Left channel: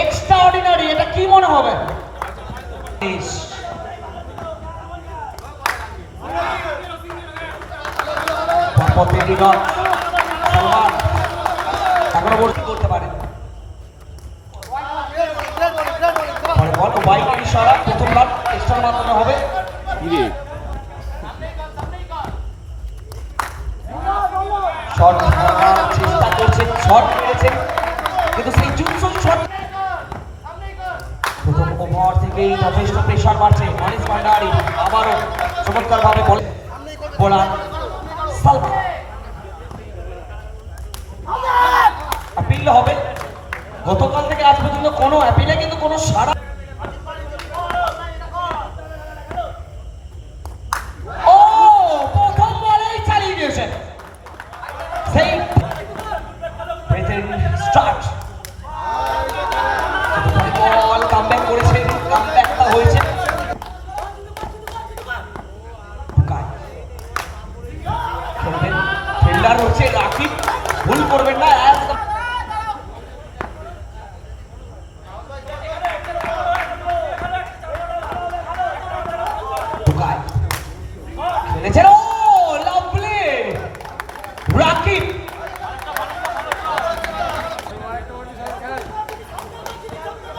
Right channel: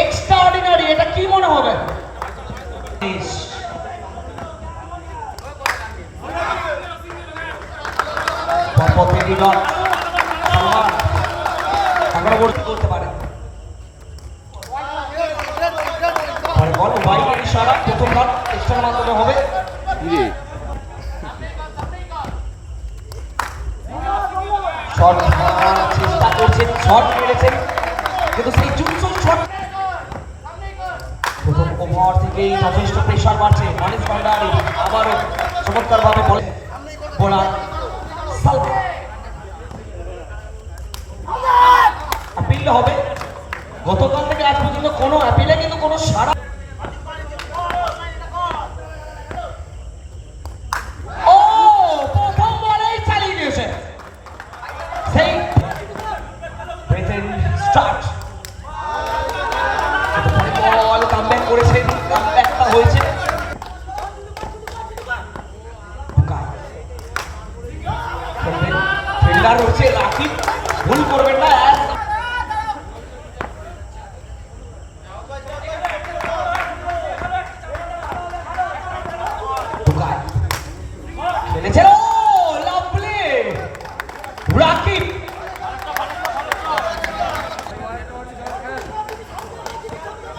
Extra ordinary, এটা কি মনে হবে? করতে পারে প্রথমবার এক্সট্রা মাধ্যমে হবে। চেষ্টা করছেন, শট মেরেছেন, কিন্তু সেই জুৎসুর শট প্রথম ওভার থেকেই যথেষ্ট প্রেশার বাড়ছে। মানিস ভান্ডারী আবারও চমৎকার ভাবে বোলা আপিল হবে। গতকাল থেকে আজ পর্যন্ত কোনো আপিলে কিন্তু কোনো সাড়া। ও প্রথম বলেই চালিয়ে দিয়েছেন, সেই স্টার্ট বল কামব্যাক করেছেন, কামব্যাকটা হয়েছে। ফিল্ডার হচ্ছে রাকিব, ভুল করবেন না। খেলেছেন, ও লাভলি রাকিব,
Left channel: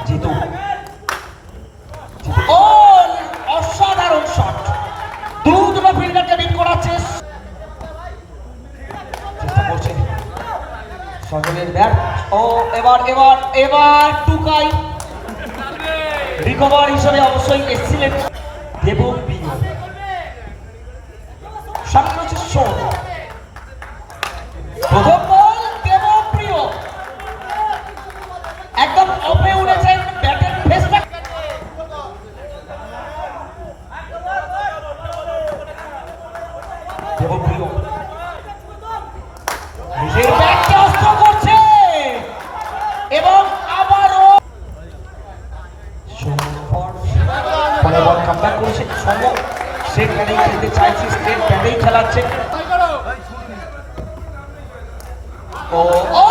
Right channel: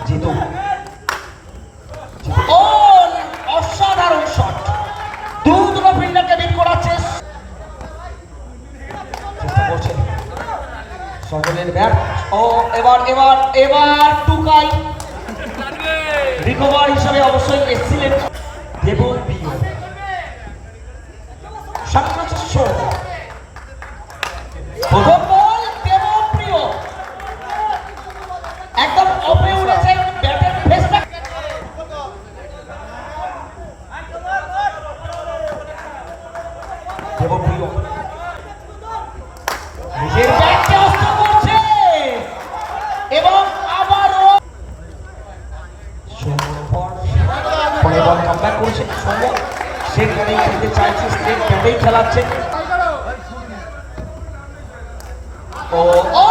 জিতু, ও অসাধারণ শট, দুটো ফিল্ডারকে বিট করাচ্ছে। চেষ্টা করছেন সকলের ব্যাট, ও এবার এবার এবার টুকাই রিকভার হিসেবে অবশ্যই এক্সিলেন্ট। দেবন প্রিয় প্রথম বল, দেবন প্রিয় একদম অপে উঠেছে ব্যাটের ফেসটা। দেবন প্রিয় নিজের ব্যাটকে অস্ত করছে এবং আবারও পরে বল কামব্যাক করেছে। সেখানেই খেলতে চাইছে, স্টেট ব্যাটেই খেলাচ্ছে। ও ও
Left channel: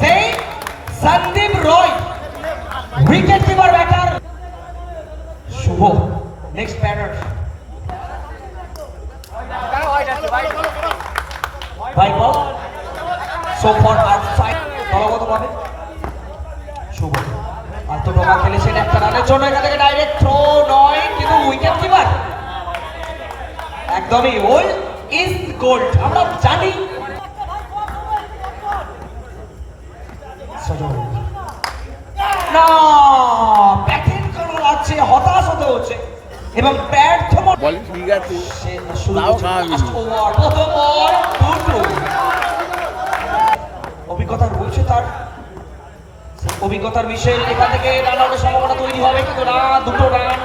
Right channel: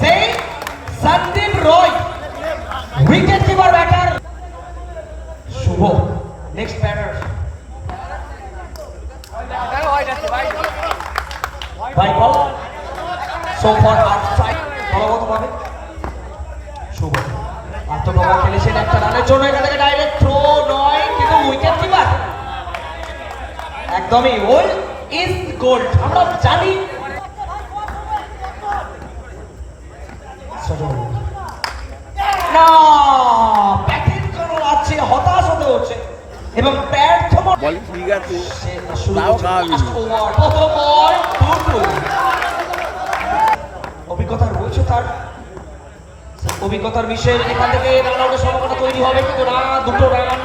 সেই সন্দীপ রয় উইকেট কিপার ব্যাটার শুভ। নেক্সট ব্যাটার ভাই বল সো ফর আউটসাইড, বলগতভাবে শুভ আত্মপ্রভাব খেলেছেন একটা রানের জন্য। এখান থেকে ডাইরেক্ট থ্রো নয়, কিন্তু উইকেট কিপার একদমই ওল্ড ইজ গোল্ড, আমরা জানি। না ব্যাটিং করে যাচ্ছে, হতাশ হতে হচ্ছে এবং ব্যর্থ বল ঠিক আছে, তাও খাওয়াবি। অভিজ্ঞতা রয়েছে তার, অভিজ্ঞতার বিষয়ে এখান থেকে রান আউটের সম্ভাবনা তৈরি হবে, কিন্তু না, দুটো রান,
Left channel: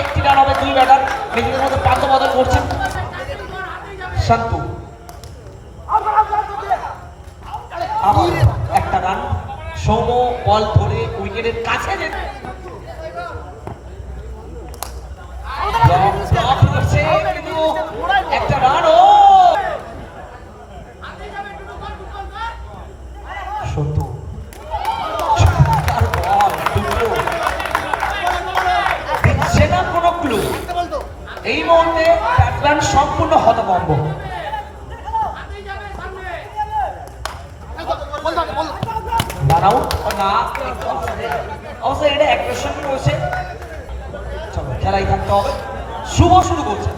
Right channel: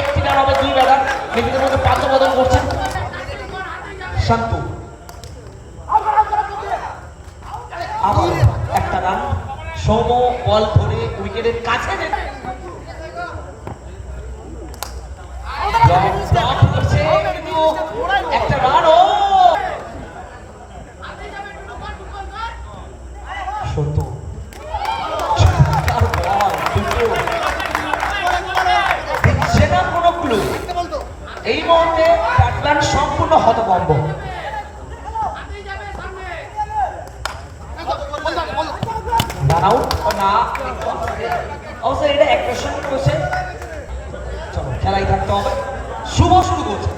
একটি রান হবে। দুই ব্যাটার নিজেদের মধ্যে পান্তবদল করছেন। শান্তু আবার একটা রান, সৌম বল ধরে উইকেটের কাছে একটা রান। ও সত্য দিচ্ছে না কোনো ক্লু। এই মুহূর্তে ব্যাটসম্যান সম্পূর্ণ হতভম্ব। দাঁড়াও না, অবশ্যই এটা অ্যাগ্রেশন করছে। চলো খেলাই থাকতে হবে। শুভ শুরু করছে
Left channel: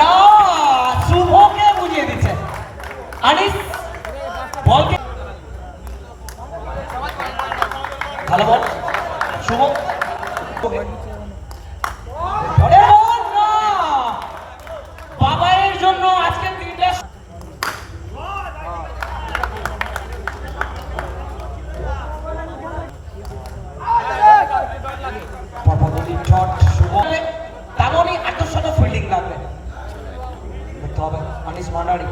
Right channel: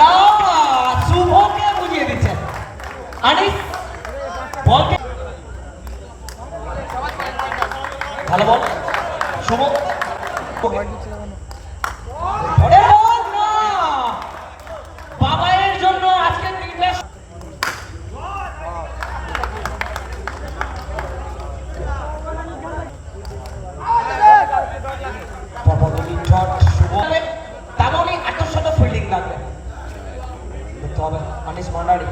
না, শুভকে বুঝিয়ে দিচ্ছে আনিস বলকে। ভালো বল শুভ, বাবাইয়ের জন্য আজকের দিনটা তেমনই এত শত ফিল্ডিং লাগবে দেখতে হবে। মানিস ভান্ডারী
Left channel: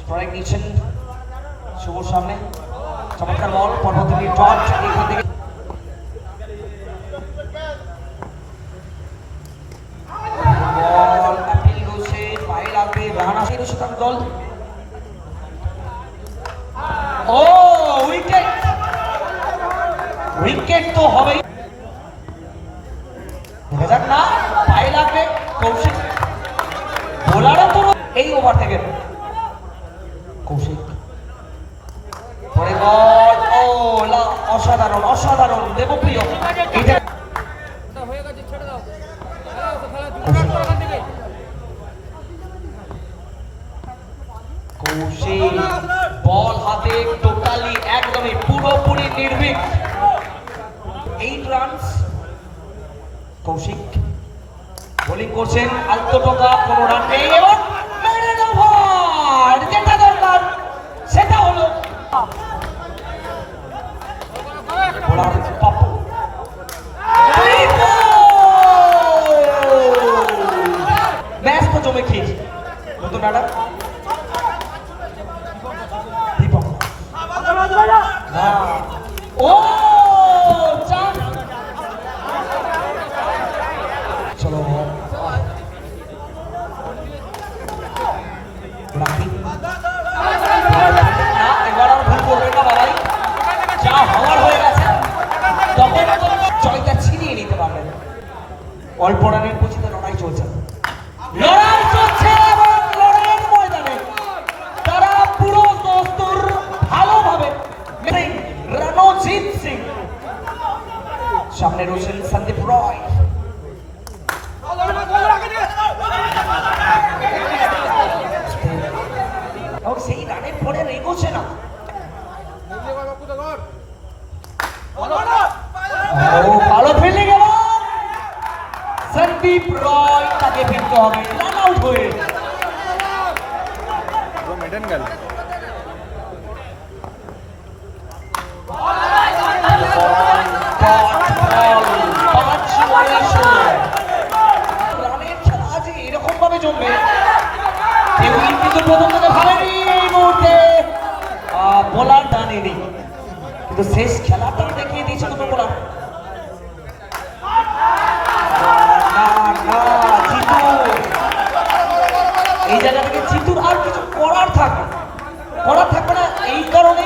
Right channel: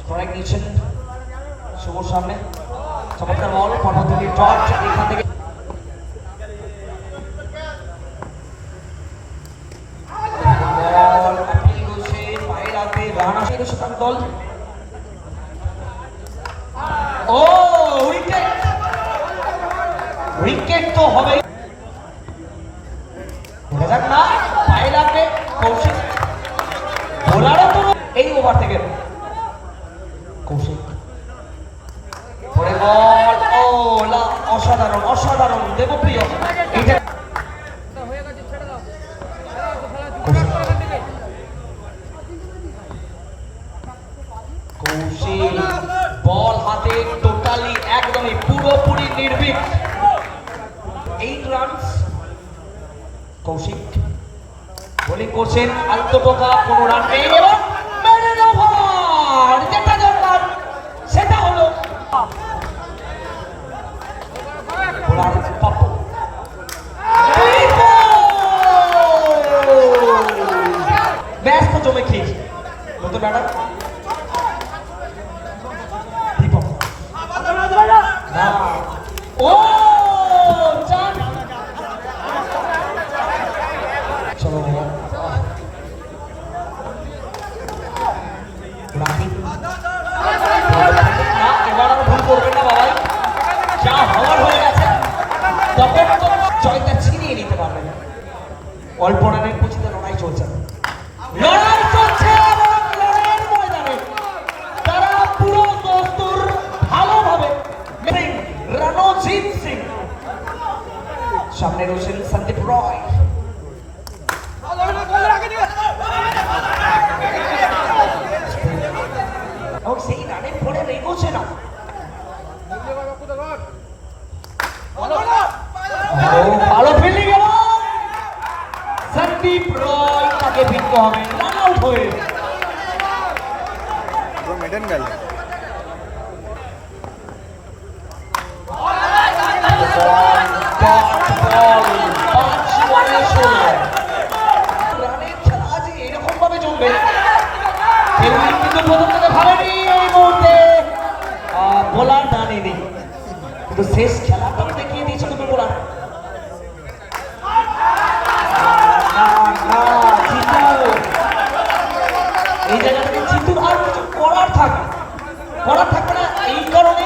স্ট্রাইক নিচ্ছেন শুভর সামনে, চমৎকার বল পরবর্তী টপ এখান থেকে দল। ও উইকেট উইকেট তো হবে, দেখা যাক না পায়ে লাগবে কৌশিক, বোলারও তো এই ওভার থেকে কৌশিক পরে বল, ও অসাধারণ অসাধারণ দেবপ্রিয়, এটা কৌশিক বল হাতে টোটালি একদমই পুরোপুরি নির্ভীক, 8 রানস। কৌশিক বোলিং করছেন, আত্মপকা, কোনো রান নেই এবং মারেন ওভার, যেটা দরকার সেটা হলো বোলার পাপ্পু। ম্যাচ তো জমে খেয়েছে নতুন ব্যাটার দীপক, ও চান, চলো রাখি, এবার ভুল করবে না বাবাই, যা হওয়ার হয়ে গেছে, তবে জয়টা ছিনিয়ে নিতে পারবে না। অল্প রানের পুঁজিতে লড়াই চলছে, লড়াই চলছে এবং লড়াইয়ের ময়দানে তারা পুরো দস্তুর ভালোভাবে রণজিৎ সিং, সামনে রয়েছেন সন্দীপ রয়, সেই রানের পরে রেগোছে না, ভালো ফিল্ডিং এবং সন্দীপ রয় তাকে ফিরতে হবে রান আউট হয়ে। মেডেন গেল রানের খেলা আজ এরকম ভাবে জমবে, কিন্তু প্রথম থেকে ভাবেনি এই মুহূর্তে বোলার টানেনি, কিন্তু শেষ খেলাটাও দেখিয়ে দিয়েছে নতুন বোলার। এই জায়গা থেকে জিতুর আর কিছু করার থাকবে না, এই কারণে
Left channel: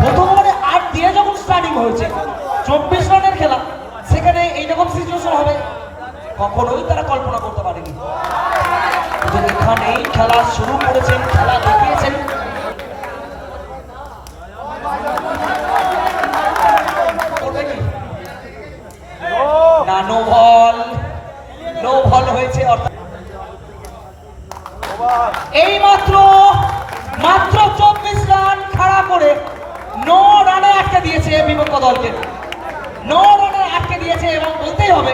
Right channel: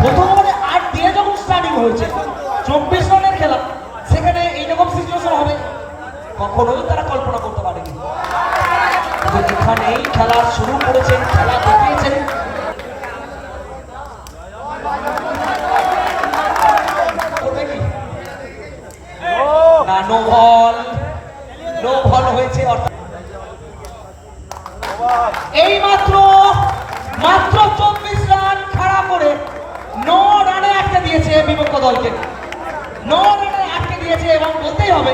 প্রথম ওভারে 8 দিয়ে যখন স্টার্টিং হয়েছে 24 রানের খেলা, সেখানে এইরকম সিচুয়েশন হবে কখনোই তারা কল্পনা করতে পারেনি, কিন্তু এখানেই খেলা শুরু করেছেন, খেলা দেখিয়েছেন। না, নো বল হয়েছে, এই মাত্র 24 রান খাড়া করে 9 রানে আটকে দিয়েছে বিপক্ষ দলকে, 9 রানে আটকে দিয়েছে এবং বলতেই হবে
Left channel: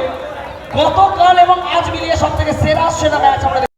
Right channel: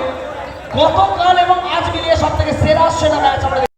গতকাল এবং আজ মিলিয়ে সব থেকে সেরা ম্যাচ আমরা